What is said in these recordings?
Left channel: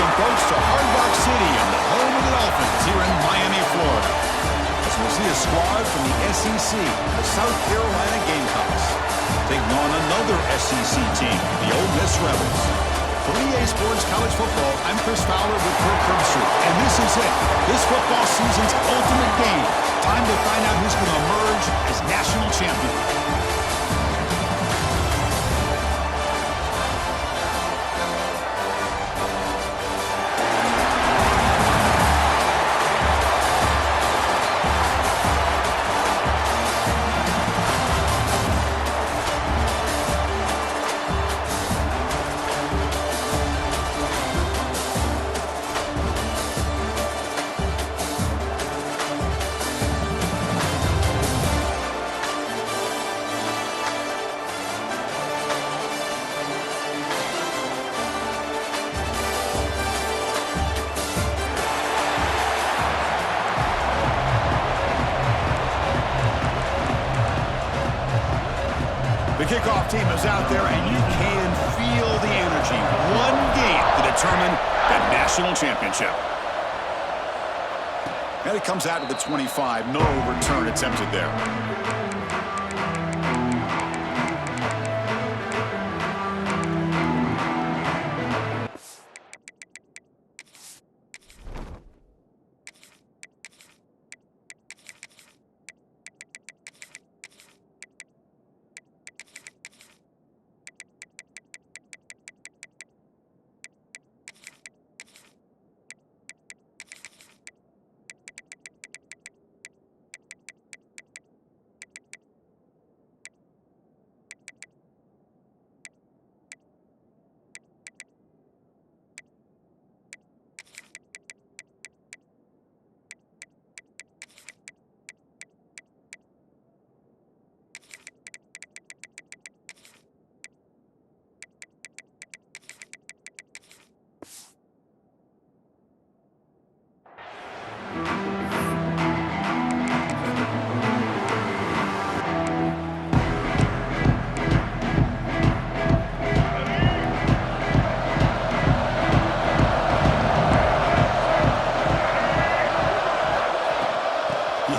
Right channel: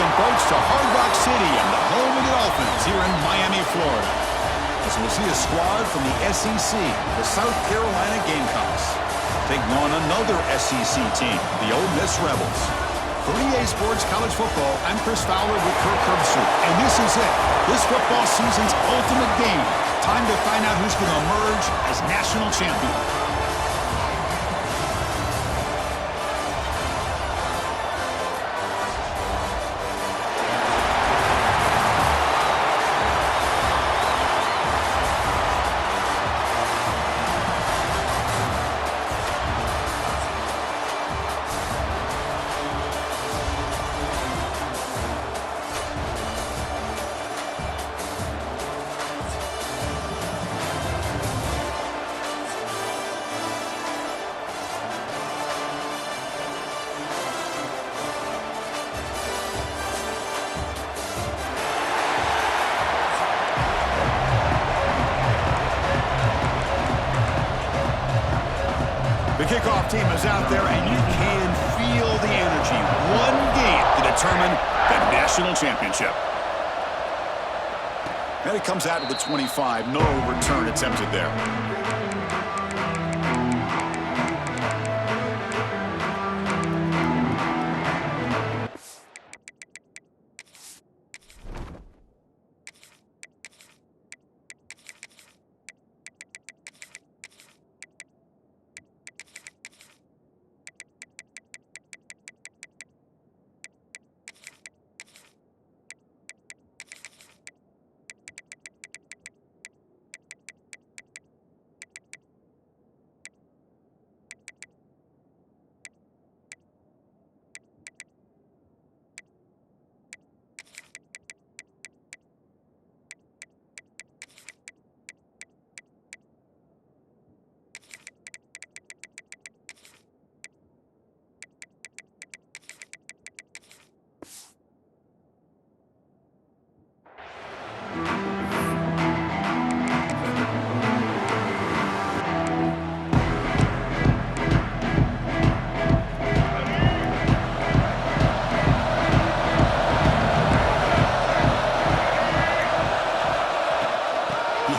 welcome folks to Hard Rock Stadium, the home of the Dolphins here in Miami, Florida. As we'll see a squad from the SEC, the South Carolina Gamecocks, taking on another SEC team, the Ole Miss Rebels. For EA Sports College Football, I'm Chris Fowler with Kirk Herbstreit, and this is it. This football season's ultimate game. Time to find out who's going to emerge as national champion. The kickoff team is out there, and you can feel the energy. One game to determine the national championship. And it comes out to the 25. No return attempted there.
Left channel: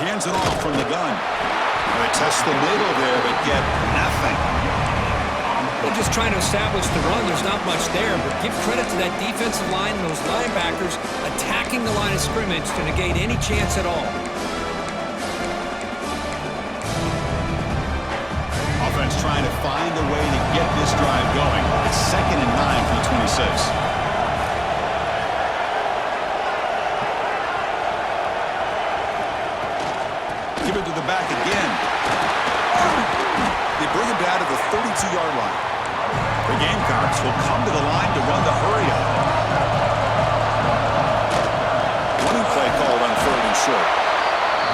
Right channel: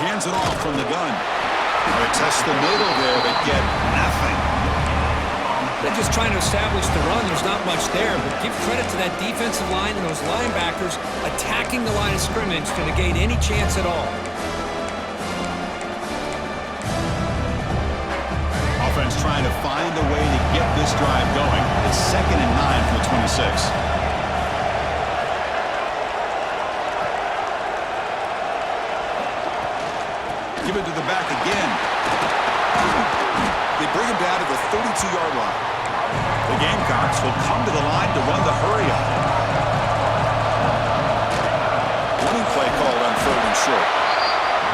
Hands it off from the gun. They test the middle there, but get nothing. They're just trying to establish the run. There's not much there, but give credit to that defensive line and those linebackers attacking the line of scrimmage to negate any chance at all. Offense trying to find a way to get this drive going. It's 2nd and 9 from the 26. Give it to the back again. They bring him down to the 32-yard line. The Gamecocks will come to the line to run the hurry-up. Running play called on 3rd and short.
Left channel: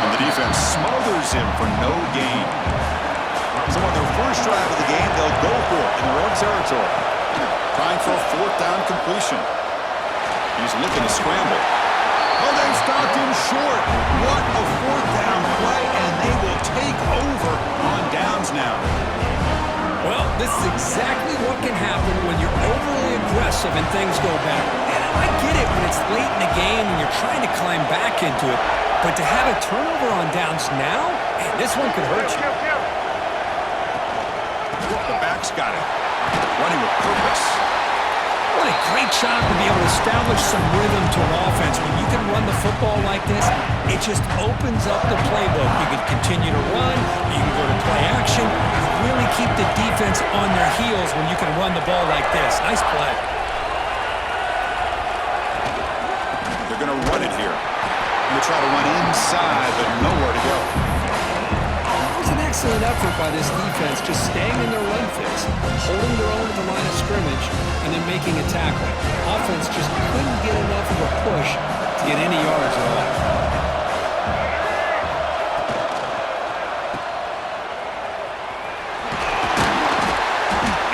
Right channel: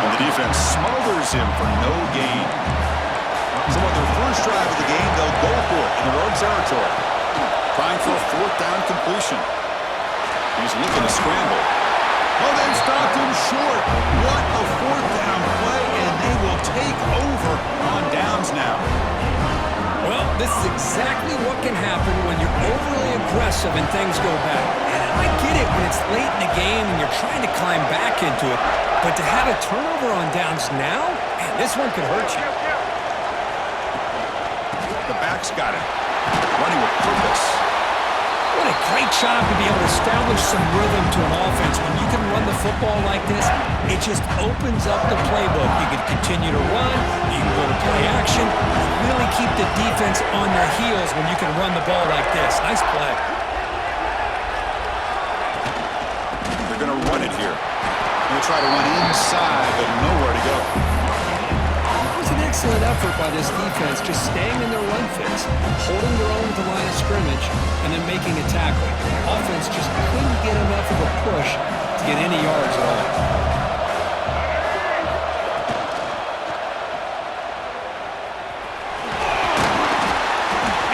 And the defense smothers him for no gain. So on their first drive of the game, they'll go for it in their own territory. Trying for a 4th down completion. He's looking to scramble. Oh, they've stopped him short. What a 4th down play, and they will take over on downs now. Well, this is exactly what can happen when you're overly aggressive and things go bad. And I get it when it's late in the game and you're trying to climb back into it. But to have a turnover on downs now, man, this one could hurt you. The back's got it. Running with purpose. What a great job to be able to establish some rhythm to an offense. When you can run the football like this, it just opens up the playbook. You can continue to run. You can go to play action. You really keep the defense on their heels when you can run the ball like this. Nice play. They're going to run it here. Going to try to run inside, but nowhere to go. It was an excellent effort by this defense, just staying in their run fits, holding their own at the line of scrimmage, and then making a tackle. Offense just couldn't get enough of a push to get any yards at all.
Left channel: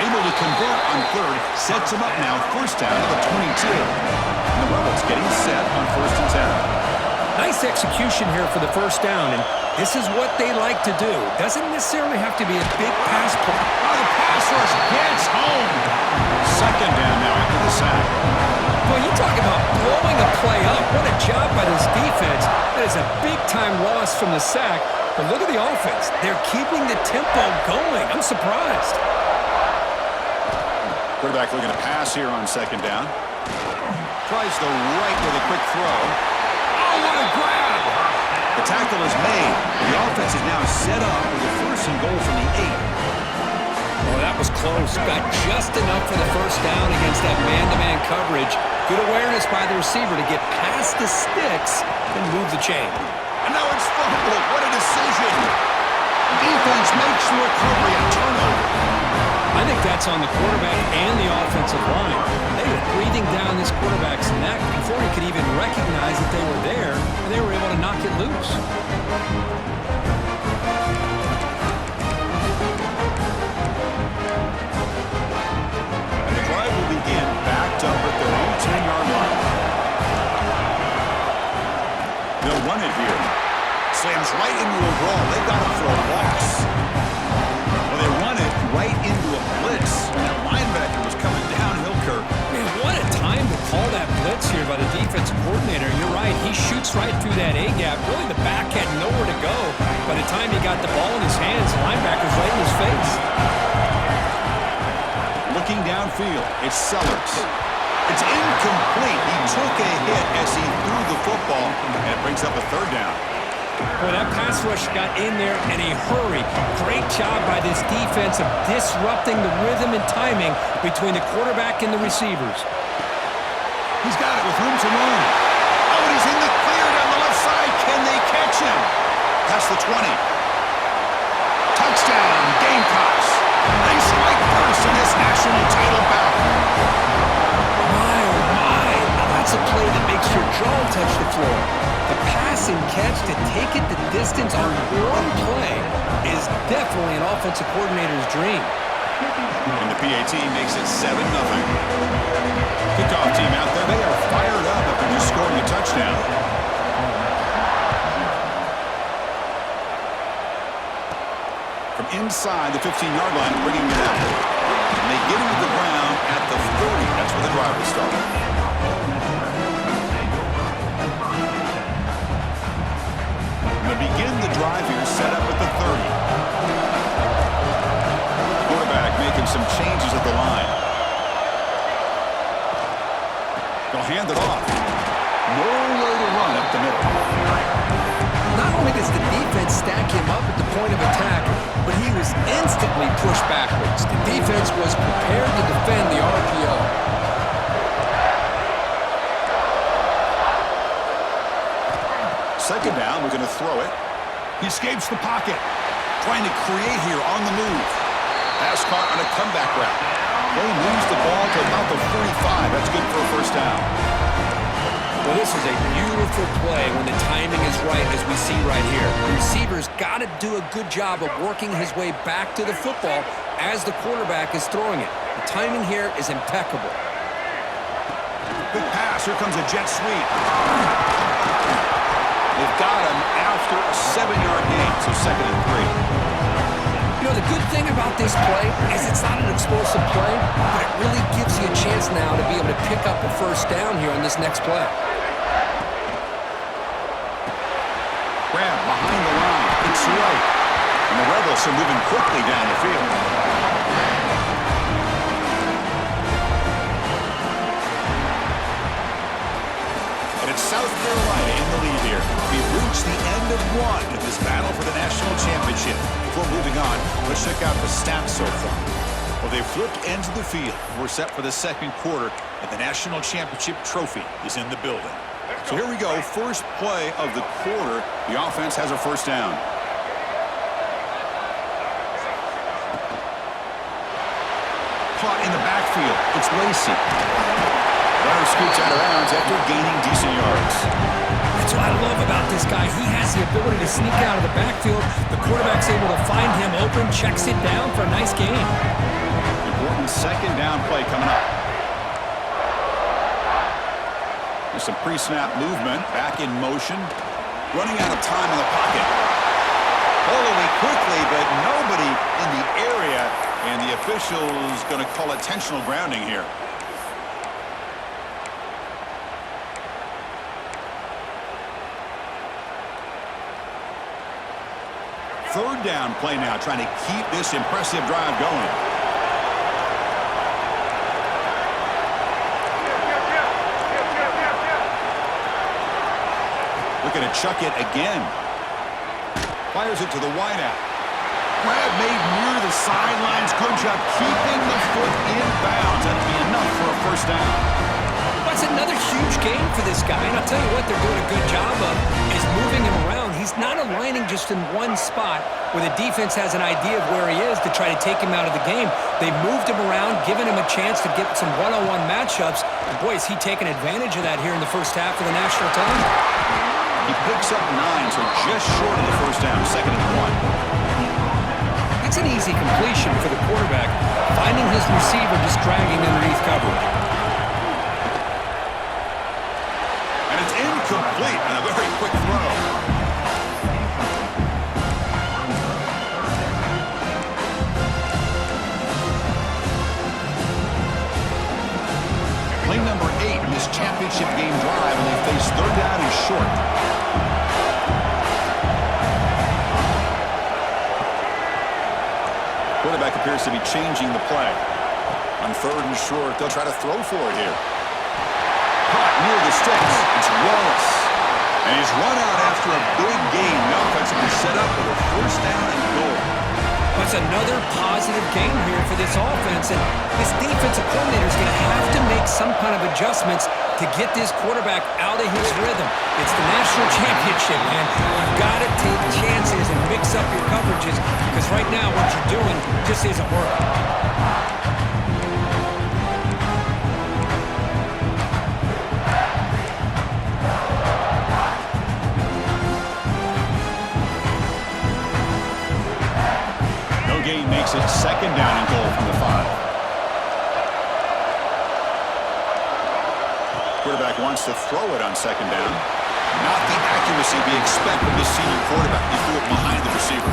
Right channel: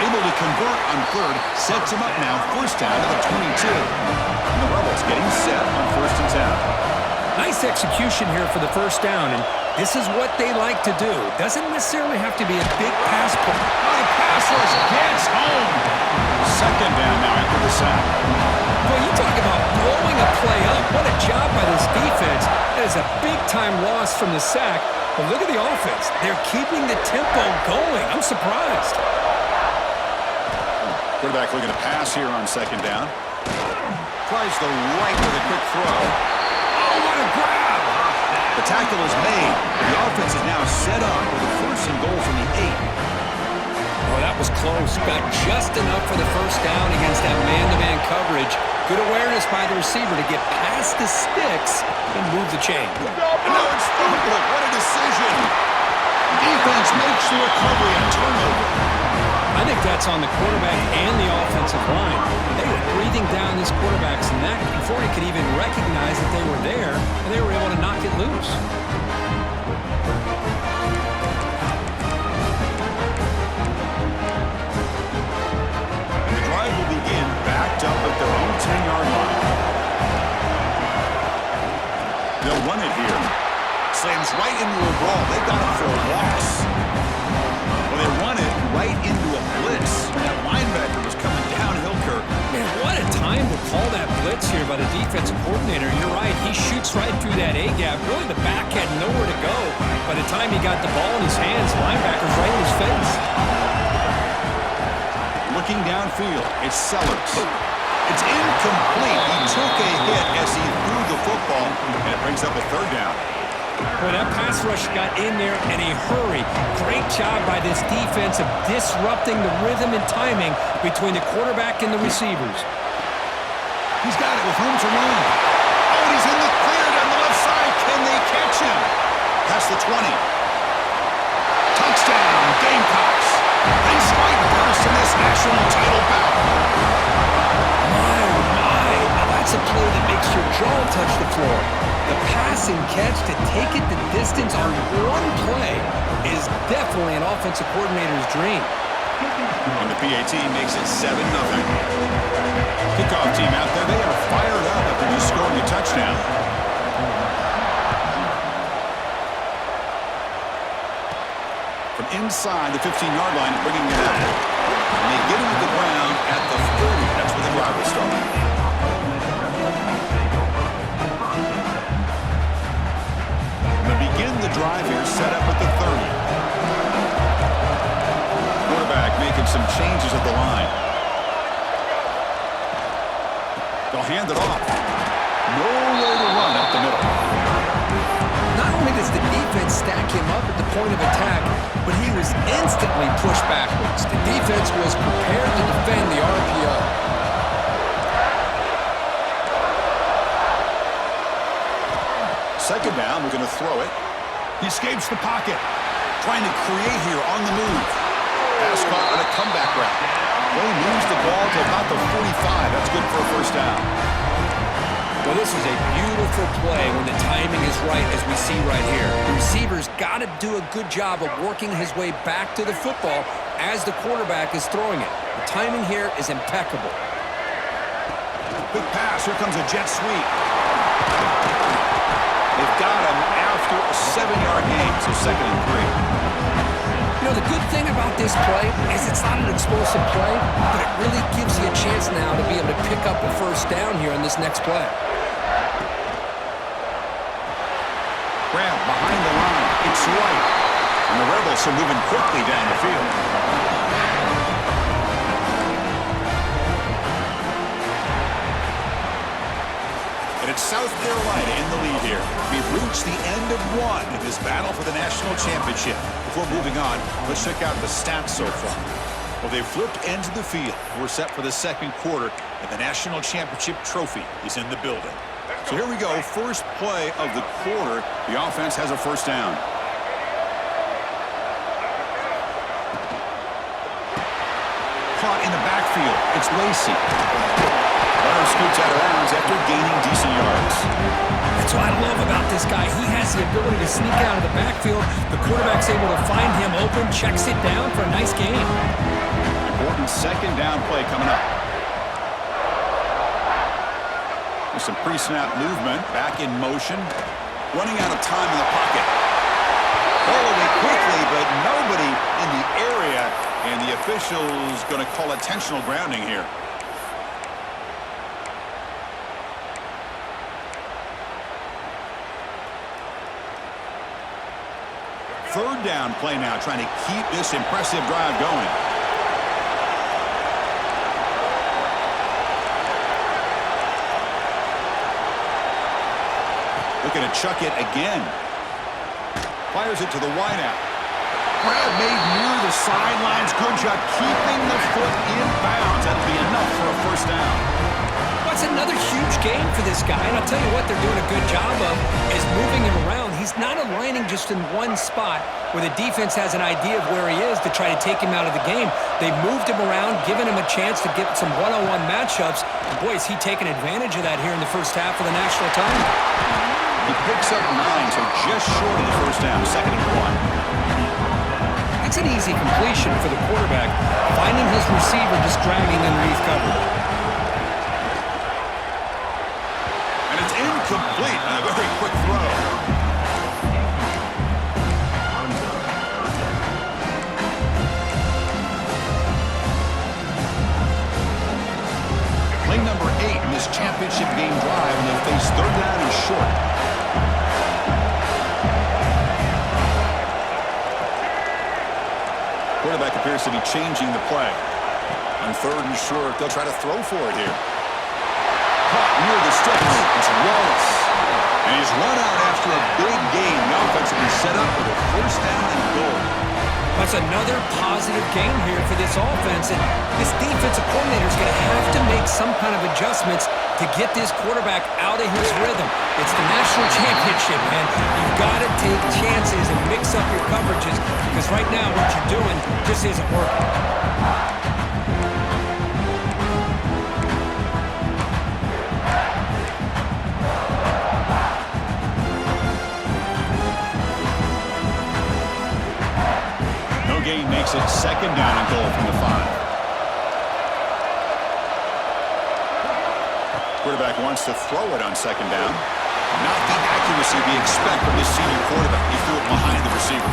Able to convert on 3rd, sets him up now, 1st down to the 22. And the Rebels getting set on 1st and 10. Nice execution here for the 1st down, and this is what they like to do. Doesn't necessarily have to be a big pass play. Oh, the pass rush gets home. 2nd down now after the sack. Well, you talk about blowing a play up. What a job by this defense. That is a big-time loss from the sack. But look at the offense. They're keeping the tempo going. I'm surprised. Quarterback looking to pass here on second down. Tries the right with a quick throw. Oh, what a grab! The tackle is made. The offense is now set up with a first and goal from the 8. Oh, that was close. Got just enough for the first down against that man-to-man coverage. Good awareness by the receiver to get past the sticks and move the chain. And now it's fumbled. What a decision. Defense makes the recovery a turnover. I think that's on the quarterback and the offensive line. They were breathing down this quarterback's neck before he could even recognize that they were there, and they were able to knock it loose. Will begin backed up at their own 10-yard line. They'll run it here. Slams right into a wall. They got him for a loss. Well, they run it right into a blitz. That linebacker was coming downhill, Kirk. Man, what a time to call that blitz here by the defensive coordinator. You're right. He shoots right through that A-gap. Really, the back had nowhere to go. By the time he got the ball in his hands, the linebacker's right in his face. Looking downfield, it's Sellers. It's incomplete. He took a hit as he threw the football, and it brings up a third down. Boy, that pass rush got in there in a hurry. Great job by this defense of disrupting the rhythm and timing between the quarterback and the receivers. He's got it with room to run. Oh, and he's in the clear down the left side. Can they catch him? Past the 20. Touchdown, Gamecocks. They strike first in this national title bout. My, oh my. Now that's a play that makes your jaw touch the floor. The pass and catch to take it the distance on one play is definitely an offensive coordinator's dream. And the PAT makes it 7-0. Kickoff team out there, they are fired up after just scoring a touchdown. From inside the 15-yard line, bringing it out. And they get into the ground at the 30. That's where the drive will start. And they begin the drive here, set up at the 30. Quarterback making some changes at the line. They'll hand it off. Nowhere to run up the middle. Not only does the defense stack him up at the point of attack, but he was instantly pushed backwards. The defense was prepared to defend the RPO. Second down, we're going to throw it. He escapes the pocket. Trying to create here on the move. Pass caught on a comeback route. They moves the ball to about the 45. That's good for a first down. Well, this is a beautiful play when the timing is right, as we see right here. The receiver's got to do a good job of working his way back to the football as the quarterback is throwing it. The timing here is impeccable. Big pass. Here comes a jet sweep. They've got him after a 7-yard gain, so 2nd and 3. You know, the good thing about this play is it's not an explosive play, but it really gives you a chance now to be able to pick up a first down here on this next play. Grab behind the line. It's right. And the Rebels are moving quickly down the field. And it's South Carolina in the lead here. We've reached the end of one in this battle for the national championship. Before moving on, let's check out the stats so far. Well, they've flipped ends of the field. We're set for the second quarter, and the national championship trophy is in the building. So here we go. First play of the quarter. The offense has a first down. Caught in the backfield. It's Lacey. Runner scoots out of bounds after gaining decent yards. That's what I love about this guy. He has the ability to sneak out of the backfield. The quarterback's able to find him open, checks it down for a nice gain. Important second down play coming up. There's some pre-snap movement. Back in motion. Running out of time in the pocket. Ball away quickly, but nobody in the area. And the official's going to call intentional grounding here. third down play now, trying to keep this impressive drive going. Looking to chuck it again. Fires it to the wideout. Grab made near the sidelines. Good job keeping the foot in bounds. That'll be enough for a first down. That's another huge gain for this guy, and I'll tell you what they're doing a good job of is moving him around. He's not aligning just in one spot where the defense has an idea of where he is to try to take him out of the game. They moved him around, giving him a chance to get some one-on-one matchups. And boy, is he taking advantage of that here in the first half of the national title. He picks up 9, so just short of the first down, 2nd and 1. That's an easy completion for the quarterback, finding his receiver just dragging underneath coverage. And it's incomplete on a very quick throw. Play number 8 in this championship game drive, and they face third down and short. Quarterback appears to be changing the play. On 3rd and short, they'll try to throw for it here. Caught near the sticks. It's Wallace. And he's run out after a big gain. The offense will be set up with a first down and goal. That's another positive game here for this offense, and this defensive coordinator is going to have to make some kind of adjustments to get this quarterback out of his rhythm. It's the national championship, man. You've got to take chances and mix up your coverages because right now what you're doing just isn't working. Gain makes it 2nd down and goal from the 5. Quarterback wants to throw it on 2nd down. Not the accuracy we expect from this senior quarterback. He threw it behind the receiver.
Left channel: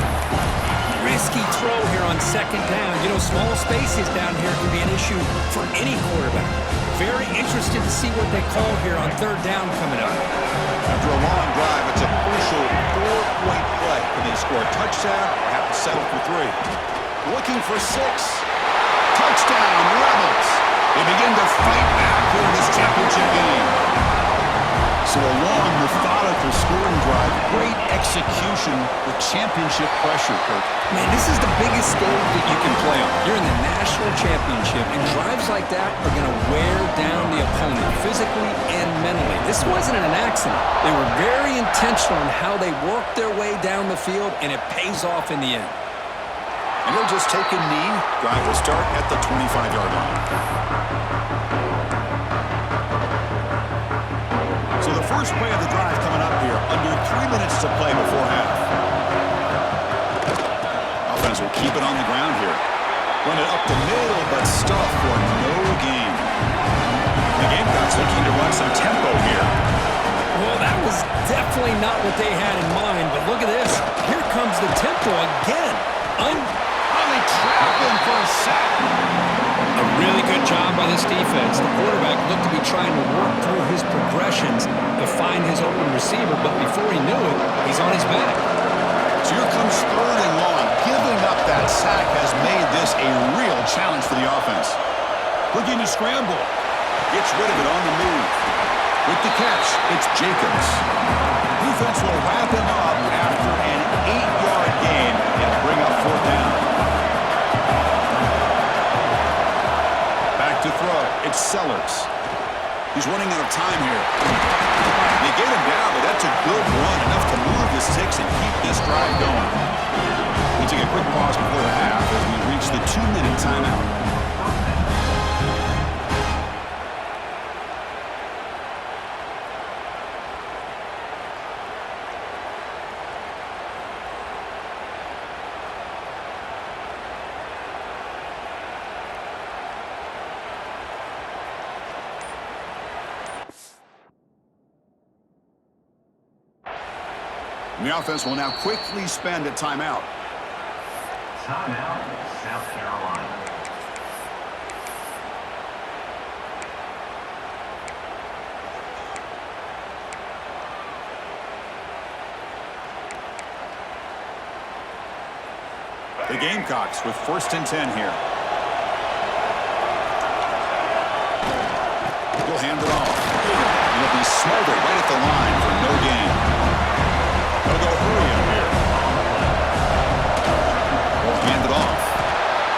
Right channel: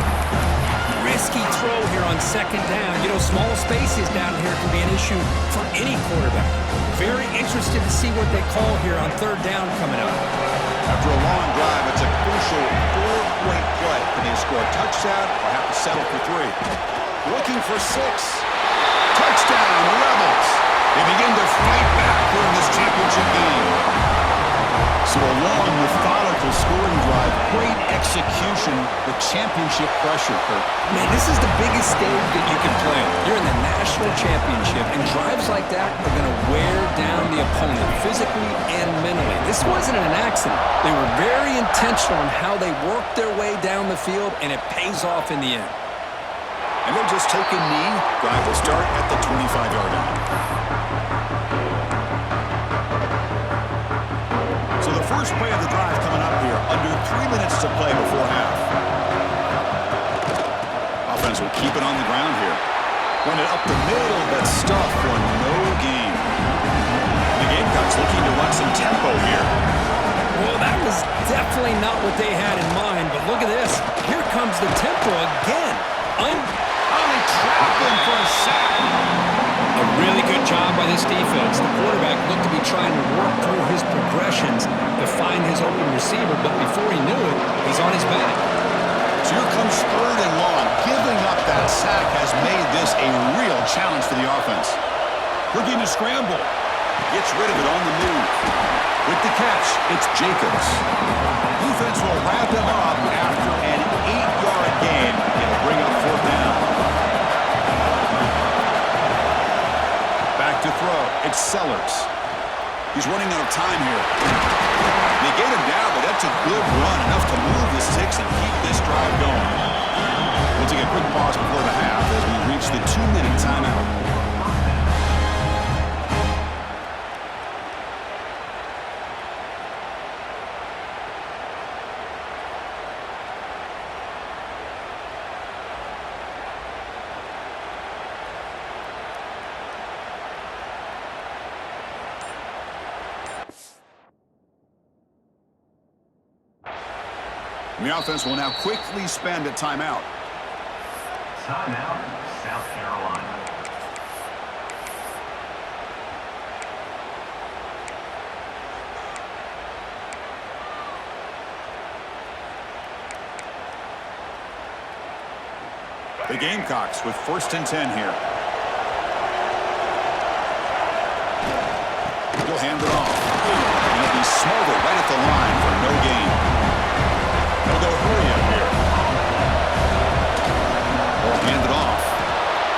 Risky throw here on 2nd down. You know, small spaces down here can be an issue for any quarterback. Very interested to see what they call here on 3rd down coming up. After a long drive, it's a crucial 4-point play. Can they score a touchdown or have to settle for 3? Looking for 6. Touchdown, Rebels. They begin to fight back here in this championship game. So a long, methodical scoring drive. Great execution with championship pressure, Kirk. Man, this is the biggest stage that you can play on. You're in the national championship, and drives like that are going to wear down the opponent physically and mentally. This wasn't an accident. They were very intentional in how they worked their way down the field, and it pays off in the end. And they'll just take a knee. Drive will start at the 25-yard line. So the first play of the drive coming up here, under 3 minutes to play before half. Offense will keep it on the ground here. Run it up the middle, but stuff for no gain. The Gamecocks looking to run some tempo here. Well, that was definitely not what they had in mind, but look at this. Here comes the tempo again. They trap him for a sack. A really good job by this defense. The quarterback looked to be trying to work through his progressions to find his open receiver, but before he knew it, he's on his back. So here comes 3rd and long. Giving up that sack has made this a real challenge for the offense. Looking to scramble. Gets rid of it on the move. With the catch, it's Jacobs. Defense will wrap him up after an 8-yard gain. It'll bring up 4th down. Back to throw. It's Sellers. He's running out of time here. They get him down, but that's a good run. Enough to move the sticks and keep this drive going. We'll take a quick pause before the half as we reach the 2-minute timeout. And the offense will now quickly spend a timeout. Timeout, South Carolina. The Gamecocks with 1st and 10 here. He'll hand it off. And he'll be smothered right at the line for no gain. They'll go hurry up here. Ball handed off.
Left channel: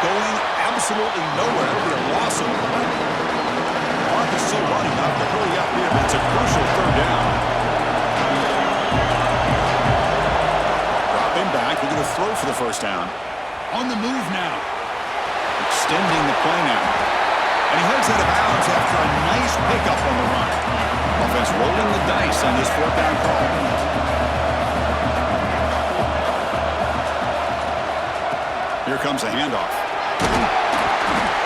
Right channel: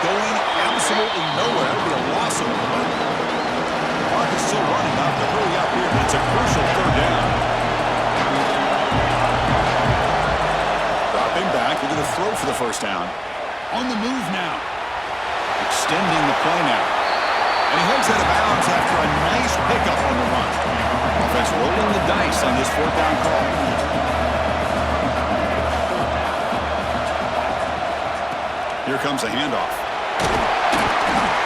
Going absolutely nowhere. It'll be a loss of play. The clock is still running. Not to hurry up here, but it's a crucial 3rd down. Dropping back. We're going to throw for the 1st down. On the move now. Extending the play now. And he heads out of bounds after a nice pickup on the run. Offense rolling the dice on this 4th down call. Here comes a handoff.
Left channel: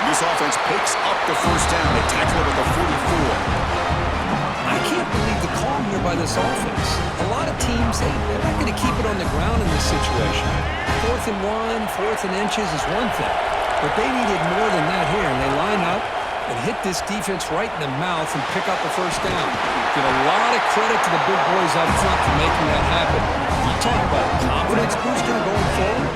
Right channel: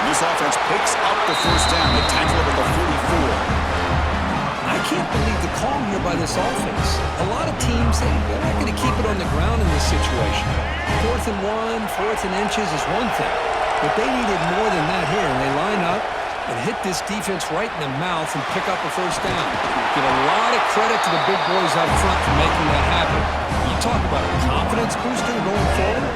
This offense picks up the 1st down. They tackle it at the 44. I can't believe the call here by this offense. A lot of teams, they're not going to keep it on the ground in this situation. 4th and 1, 4th and inches is one thing. But they needed more than that here, and they line up and hit this defense right in the mouth and pick up a 1st down. Give a lot of credit to the big boys up front for making that happen. You talk about a confidence booster going forward.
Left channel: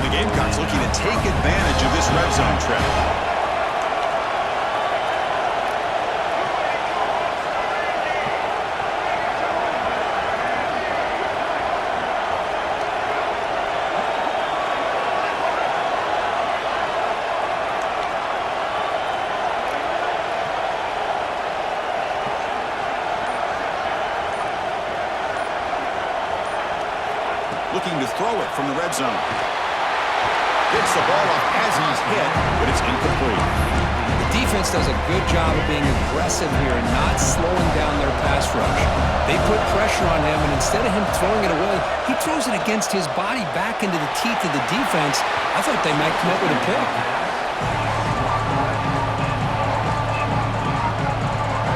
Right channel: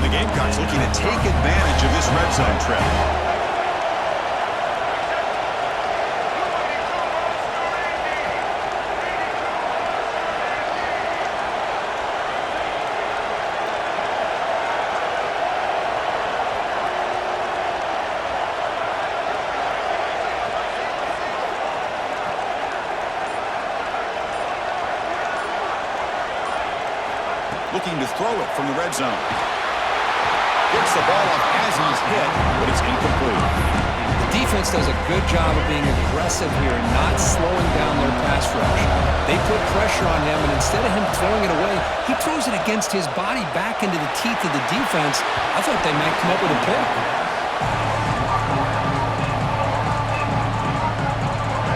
The Gamecocks looking to take advantage of this red zone trip. Looking to throw it from the red zone. Gets the ball off as he's hit, but it's incomplete. The defense does a good job of being aggressive here and not slowing down their pass rush. They put pressure on him, and instead of him throwing it away, he throws it against his body back into the teeth of the defense. I thought they might come up with a pick.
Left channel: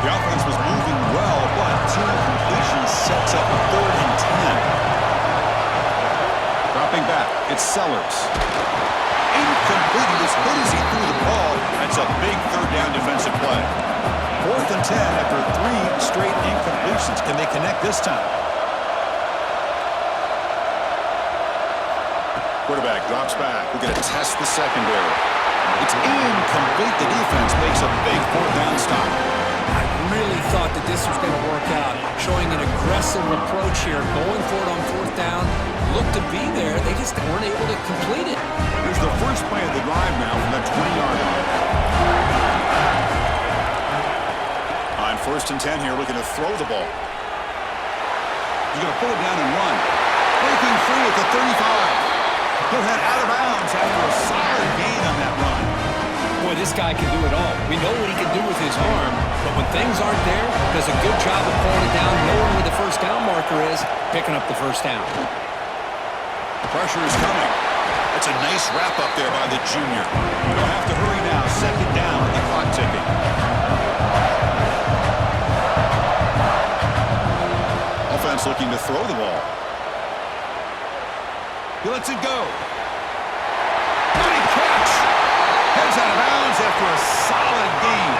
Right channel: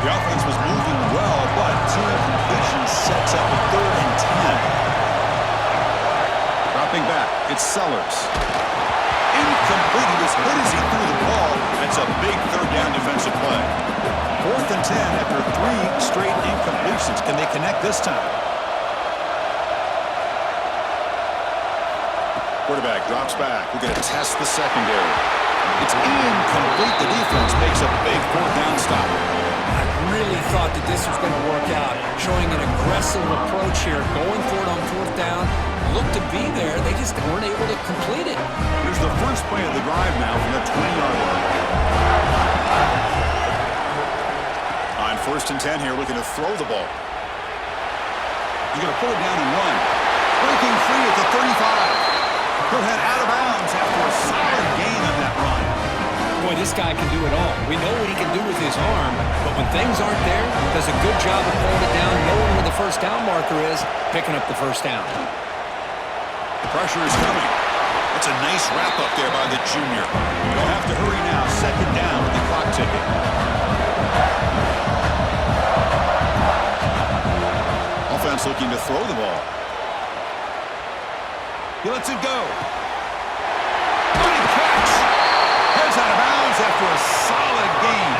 The offense was moving well, but 2 incompletions sets up a 3rd and 10. Dropping back, it's Sellers. Incomplete. He was hit as he threw the ball. That's a big 3rd down defensive play. 4th and 10 after 3 straight incompletions. Can they connect this time? Quarterback drops back. We're going to test the secondary. It's incomplete. The defense makes a big 4th down stop. I really thought that this was going to work out, showing an aggressive approach here, going for it on 4th down. Looked to be there. They just weren't able to complete it. Here's the first play of the drive now from the 20-yard line. On 1st and 10 here, looking to throw the ball. He's going to pull it down and run. Breaking free at the 35. He'll head out of bounds after a solid gain on that run. Boy, this guy can do it all. We know what he can do with his arm, but when things aren't there, does a good job of pulling it down, knowing where the 1st down marker is, picking up the 1st down. Pressure is coming. That's a nice wrap up there by the junior. They'll have to hurry now. 2nd down with the clock ticking. Offense looking to throw the ball. He lets it go. Good catch. Heads out of bounds after a solid gain.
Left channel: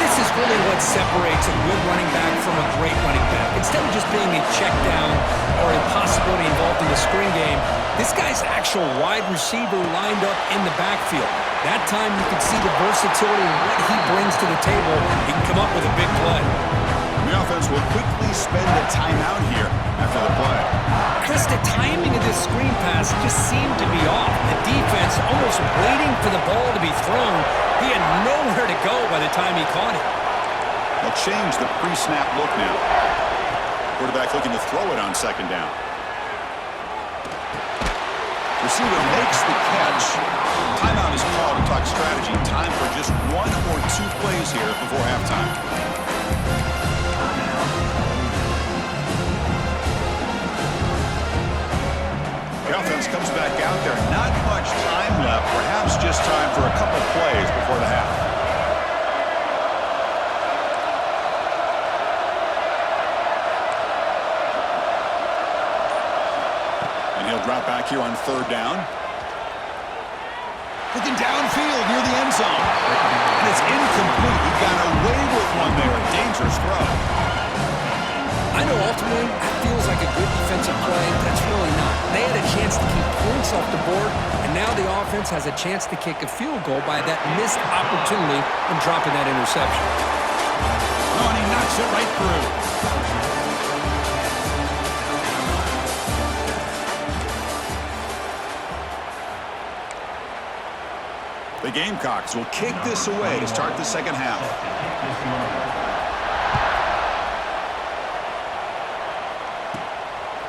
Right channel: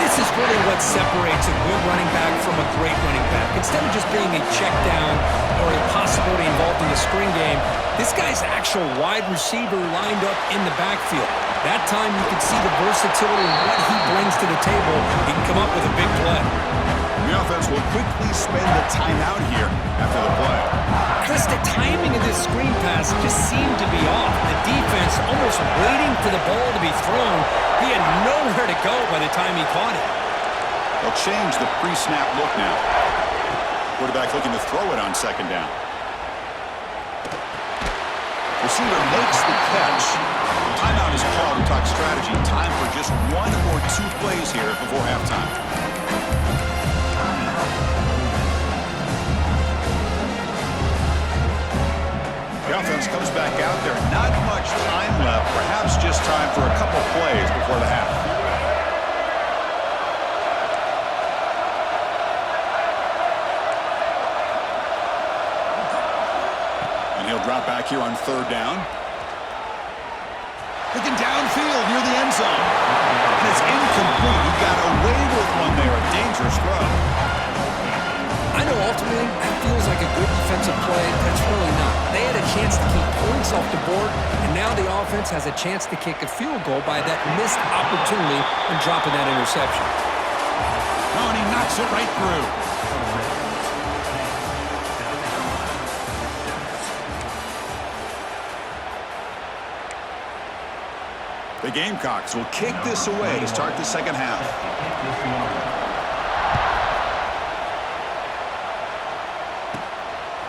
This is really what separates a good running back from a great running back. Instead of just being a check down or a possibility involved in the screen game, this guy's actual wide receiver lined up in the backfield. That time you can see the versatility and what he brings to the table. He can come up with a big play. The offense will quickly spend a timeout here after the play. Chris, the timing of this screen pass just seemed to be off. The defense almost waiting for the ball to be thrown. He had nowhere to go by the time he caught it. They'll change the pre-snap look now. Quarterback looking to throw it on 2nd down. Receiver makes the catch. Timeout is called to talk strategy. Time for just 1 or 2 plays here before halftime. The offense comes back out there. Not much time left. Perhaps just time for a couple plays before the half. And he'll drop back here on 3rd down. Looking downfield near the end zone. And it's incomplete. He got away with one there. A dangerous throw. I know ultimately that feels like a good defensive play, but it's really not. They had a chance to keep points off the board, and now the offense has a chance to kick a field goal by that missed opportunity and dropping that interception. Oh, and he knocks it right through. The Gamecocks will kick this away to start the second half.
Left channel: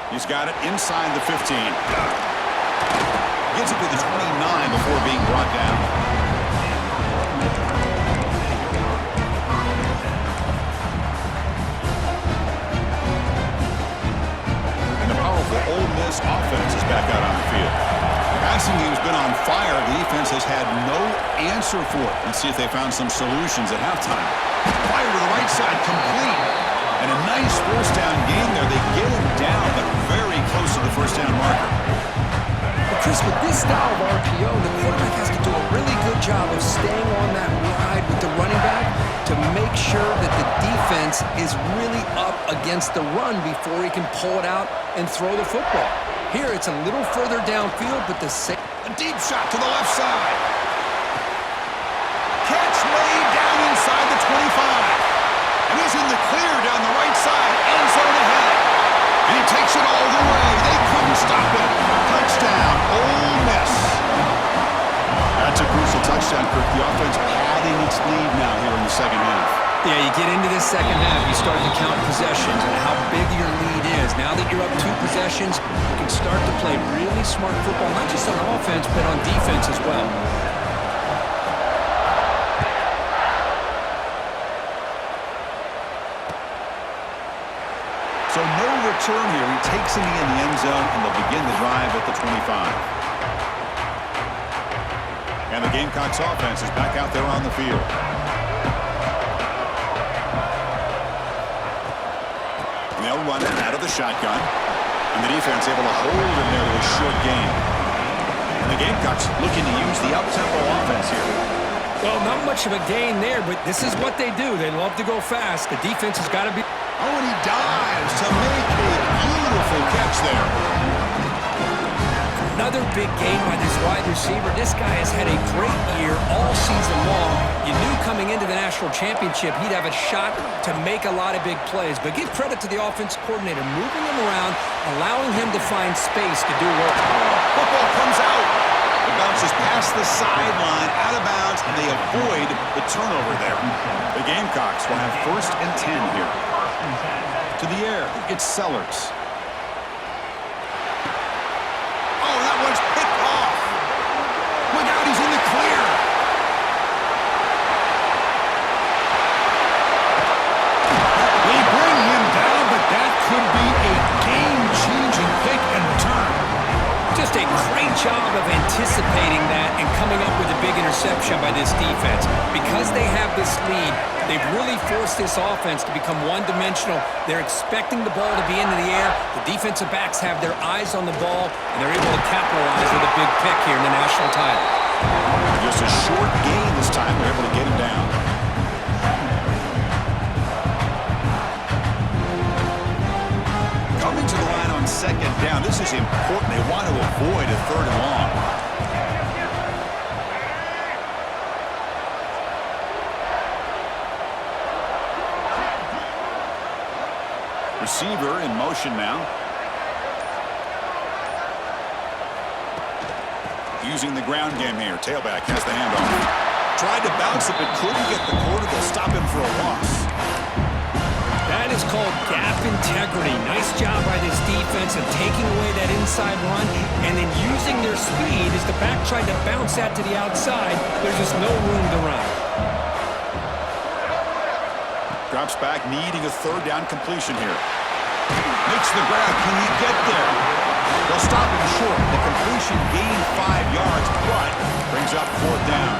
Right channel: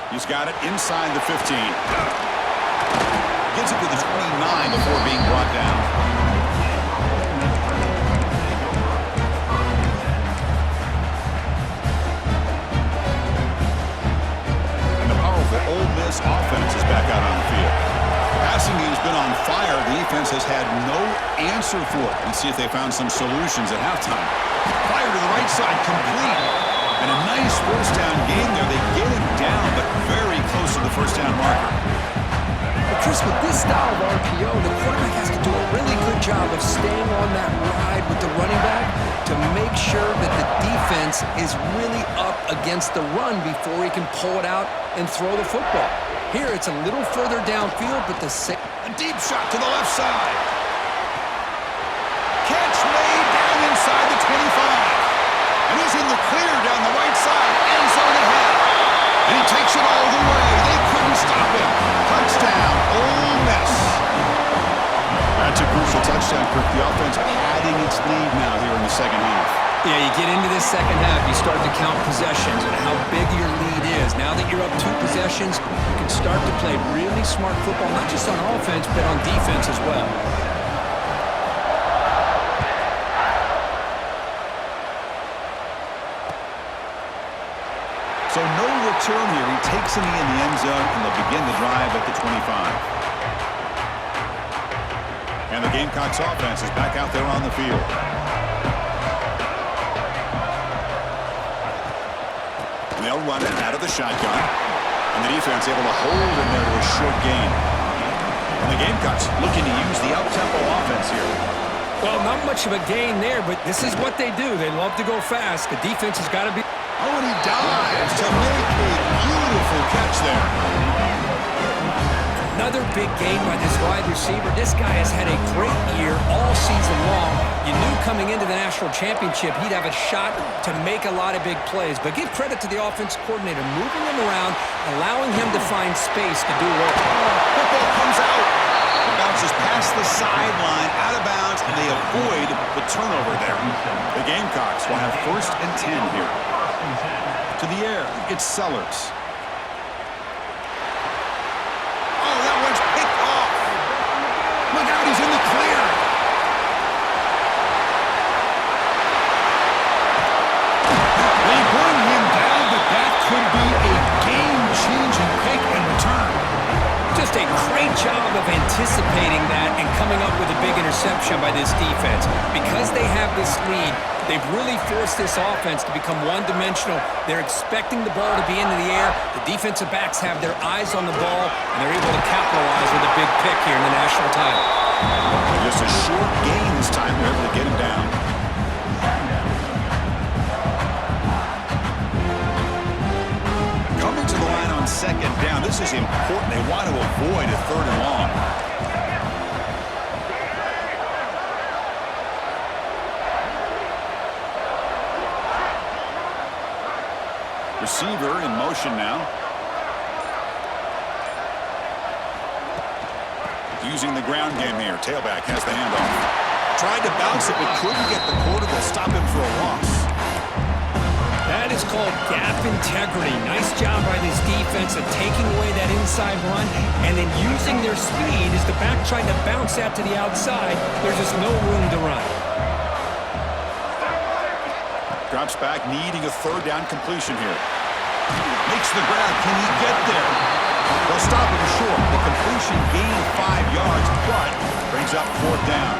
He's got it inside the 15. Gets it to the 29 before being brought down. And the powerful Ole Miss offense is back out on the field. Passing game's been on fire. The defense has had no answer for it. Let's see if they found some solutions at halftime. Fire to the right side, complete. And a nice first down game there. They get him down, but very close to the first down marker. But Chris, with this style of RPO, the quarterback has to do a really good job of staying on that ride with the running back to make sure that the defense is really up against the run before he can pull it out and throw the football. Here, it's a little further downfield, but a deep shot to the left side. Catch made down inside the 25. And he's in the clear down the right side, end zone ahead. And he takes it all the way. They couldn't stop him. Touchdown, Ole Miss. That's a crucial touchdown, Kirk. The offense padding its lead now here in the second half. Yeah, you get into this second half, you start to count possessions and how big your lead is. Now that you're up 2 possessions, you can start to play really smart football, not just on offense, but on defense as well. So no return here. He takes a knee in the end zone, and they'll begin the drive at the 25. And the Gamecocks offense is back out there on the field. They'll run it out of the shotgun. And the defense able to hold him there to a short gain. And the Gamecocks looking to use the up-tempo offense here. Well, not much of a gain there, but this is what they do. They love to go fast. The defense has got to be... Oh, and he dives to make a beautiful catch there. Another big gain by this wide receiver. This guy has had a great year all season long. You knew coming into the national championship he'd have a shot to make a lot of big plays. But give credit to the offense coordinator, moving him around, allowing him to find space to do work. Football comes out. It bounces past the sideline, out of bounds, and they avoid the turnover there. The Gamecocks will have 1st and 10 here. To the air, it's Sellers. Oh, that one's picked off. Look out, he's in the clear. They bring him down, but that could be a game-changing pick and return. Just a great job of anticipating that and coming up with a big interception by this defense. Because they have this lead, they've really forced this offense to become one-dimensional. They're expecting the ball to be into the air. The defensive backs have their eyes on the ball, and they're able to capitalize with a big pick here in the national title. Just a short gain this time. They're able to get him down. Coming to the line on 2nd down. This is important. They want to avoid a 3rd and long. Receiver in motion now. Using the ground game here. Tailback has the handoff. Tried to bounce it, but couldn't get the quarter. They'll stop him for a loss. That is called gap integrity. Nice job by this defense of taking away that inside run and then using their speed as the back tried to bounce that to the outside. There's just no room to run. Drops back, needing a 3rd down completion here. Makes the grab. Can he get there? They'll stop him short. The completion gained 5 yards, but brings up 4th down.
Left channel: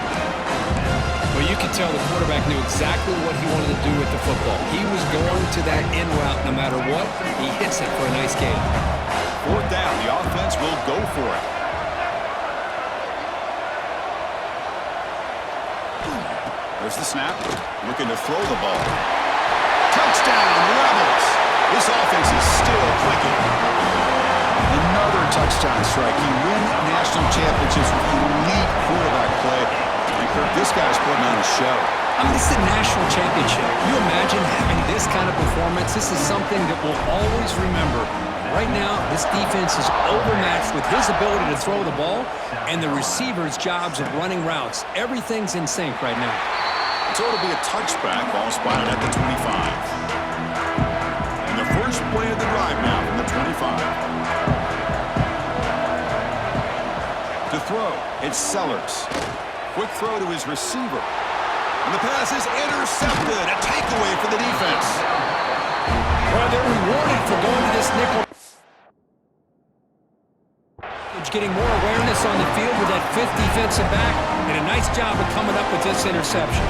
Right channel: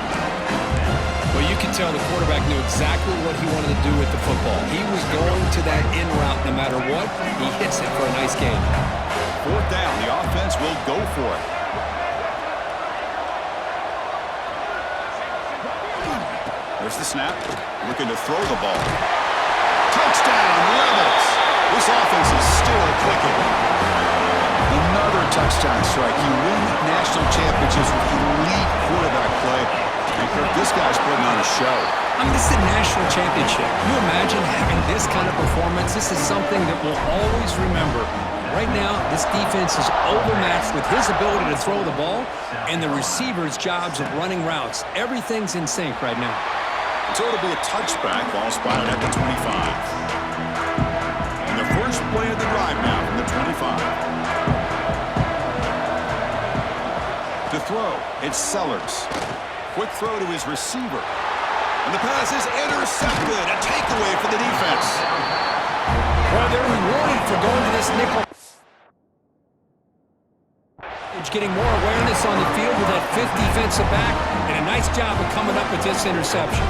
Well, you could tell the quarterback knew exactly what he wanted to do with the football. He was going to that in route no matter what. He hits it for a nice gain. 4th down. The offense will go for it. There's the snap. Looking to throw the ball. Touchdown, Rebels. This offense is still clicking. Another touchdown strike. You win national championships with elite quarterback play. And, Kirk, this guy's putting on a show. I mean, this is a national championship. You imagine having this kind of performance? This is something that we'll always remember. Right now, this defense is overmatched with his ability to throw the ball and the receiver's jobs of running routes. Everything's in sync right now. So it'll be a touchback, ball spotted at the 25. And the first play of the drive now from the 25. To throw, it's Sellers. Quick throw to his receiver. And the pass is intercepted. A takeaway for the defense. Well, they're rewarded for going to this nickel. Getting more awareness on the field with that fifth defensive back, and a nice job of coming up with this interception.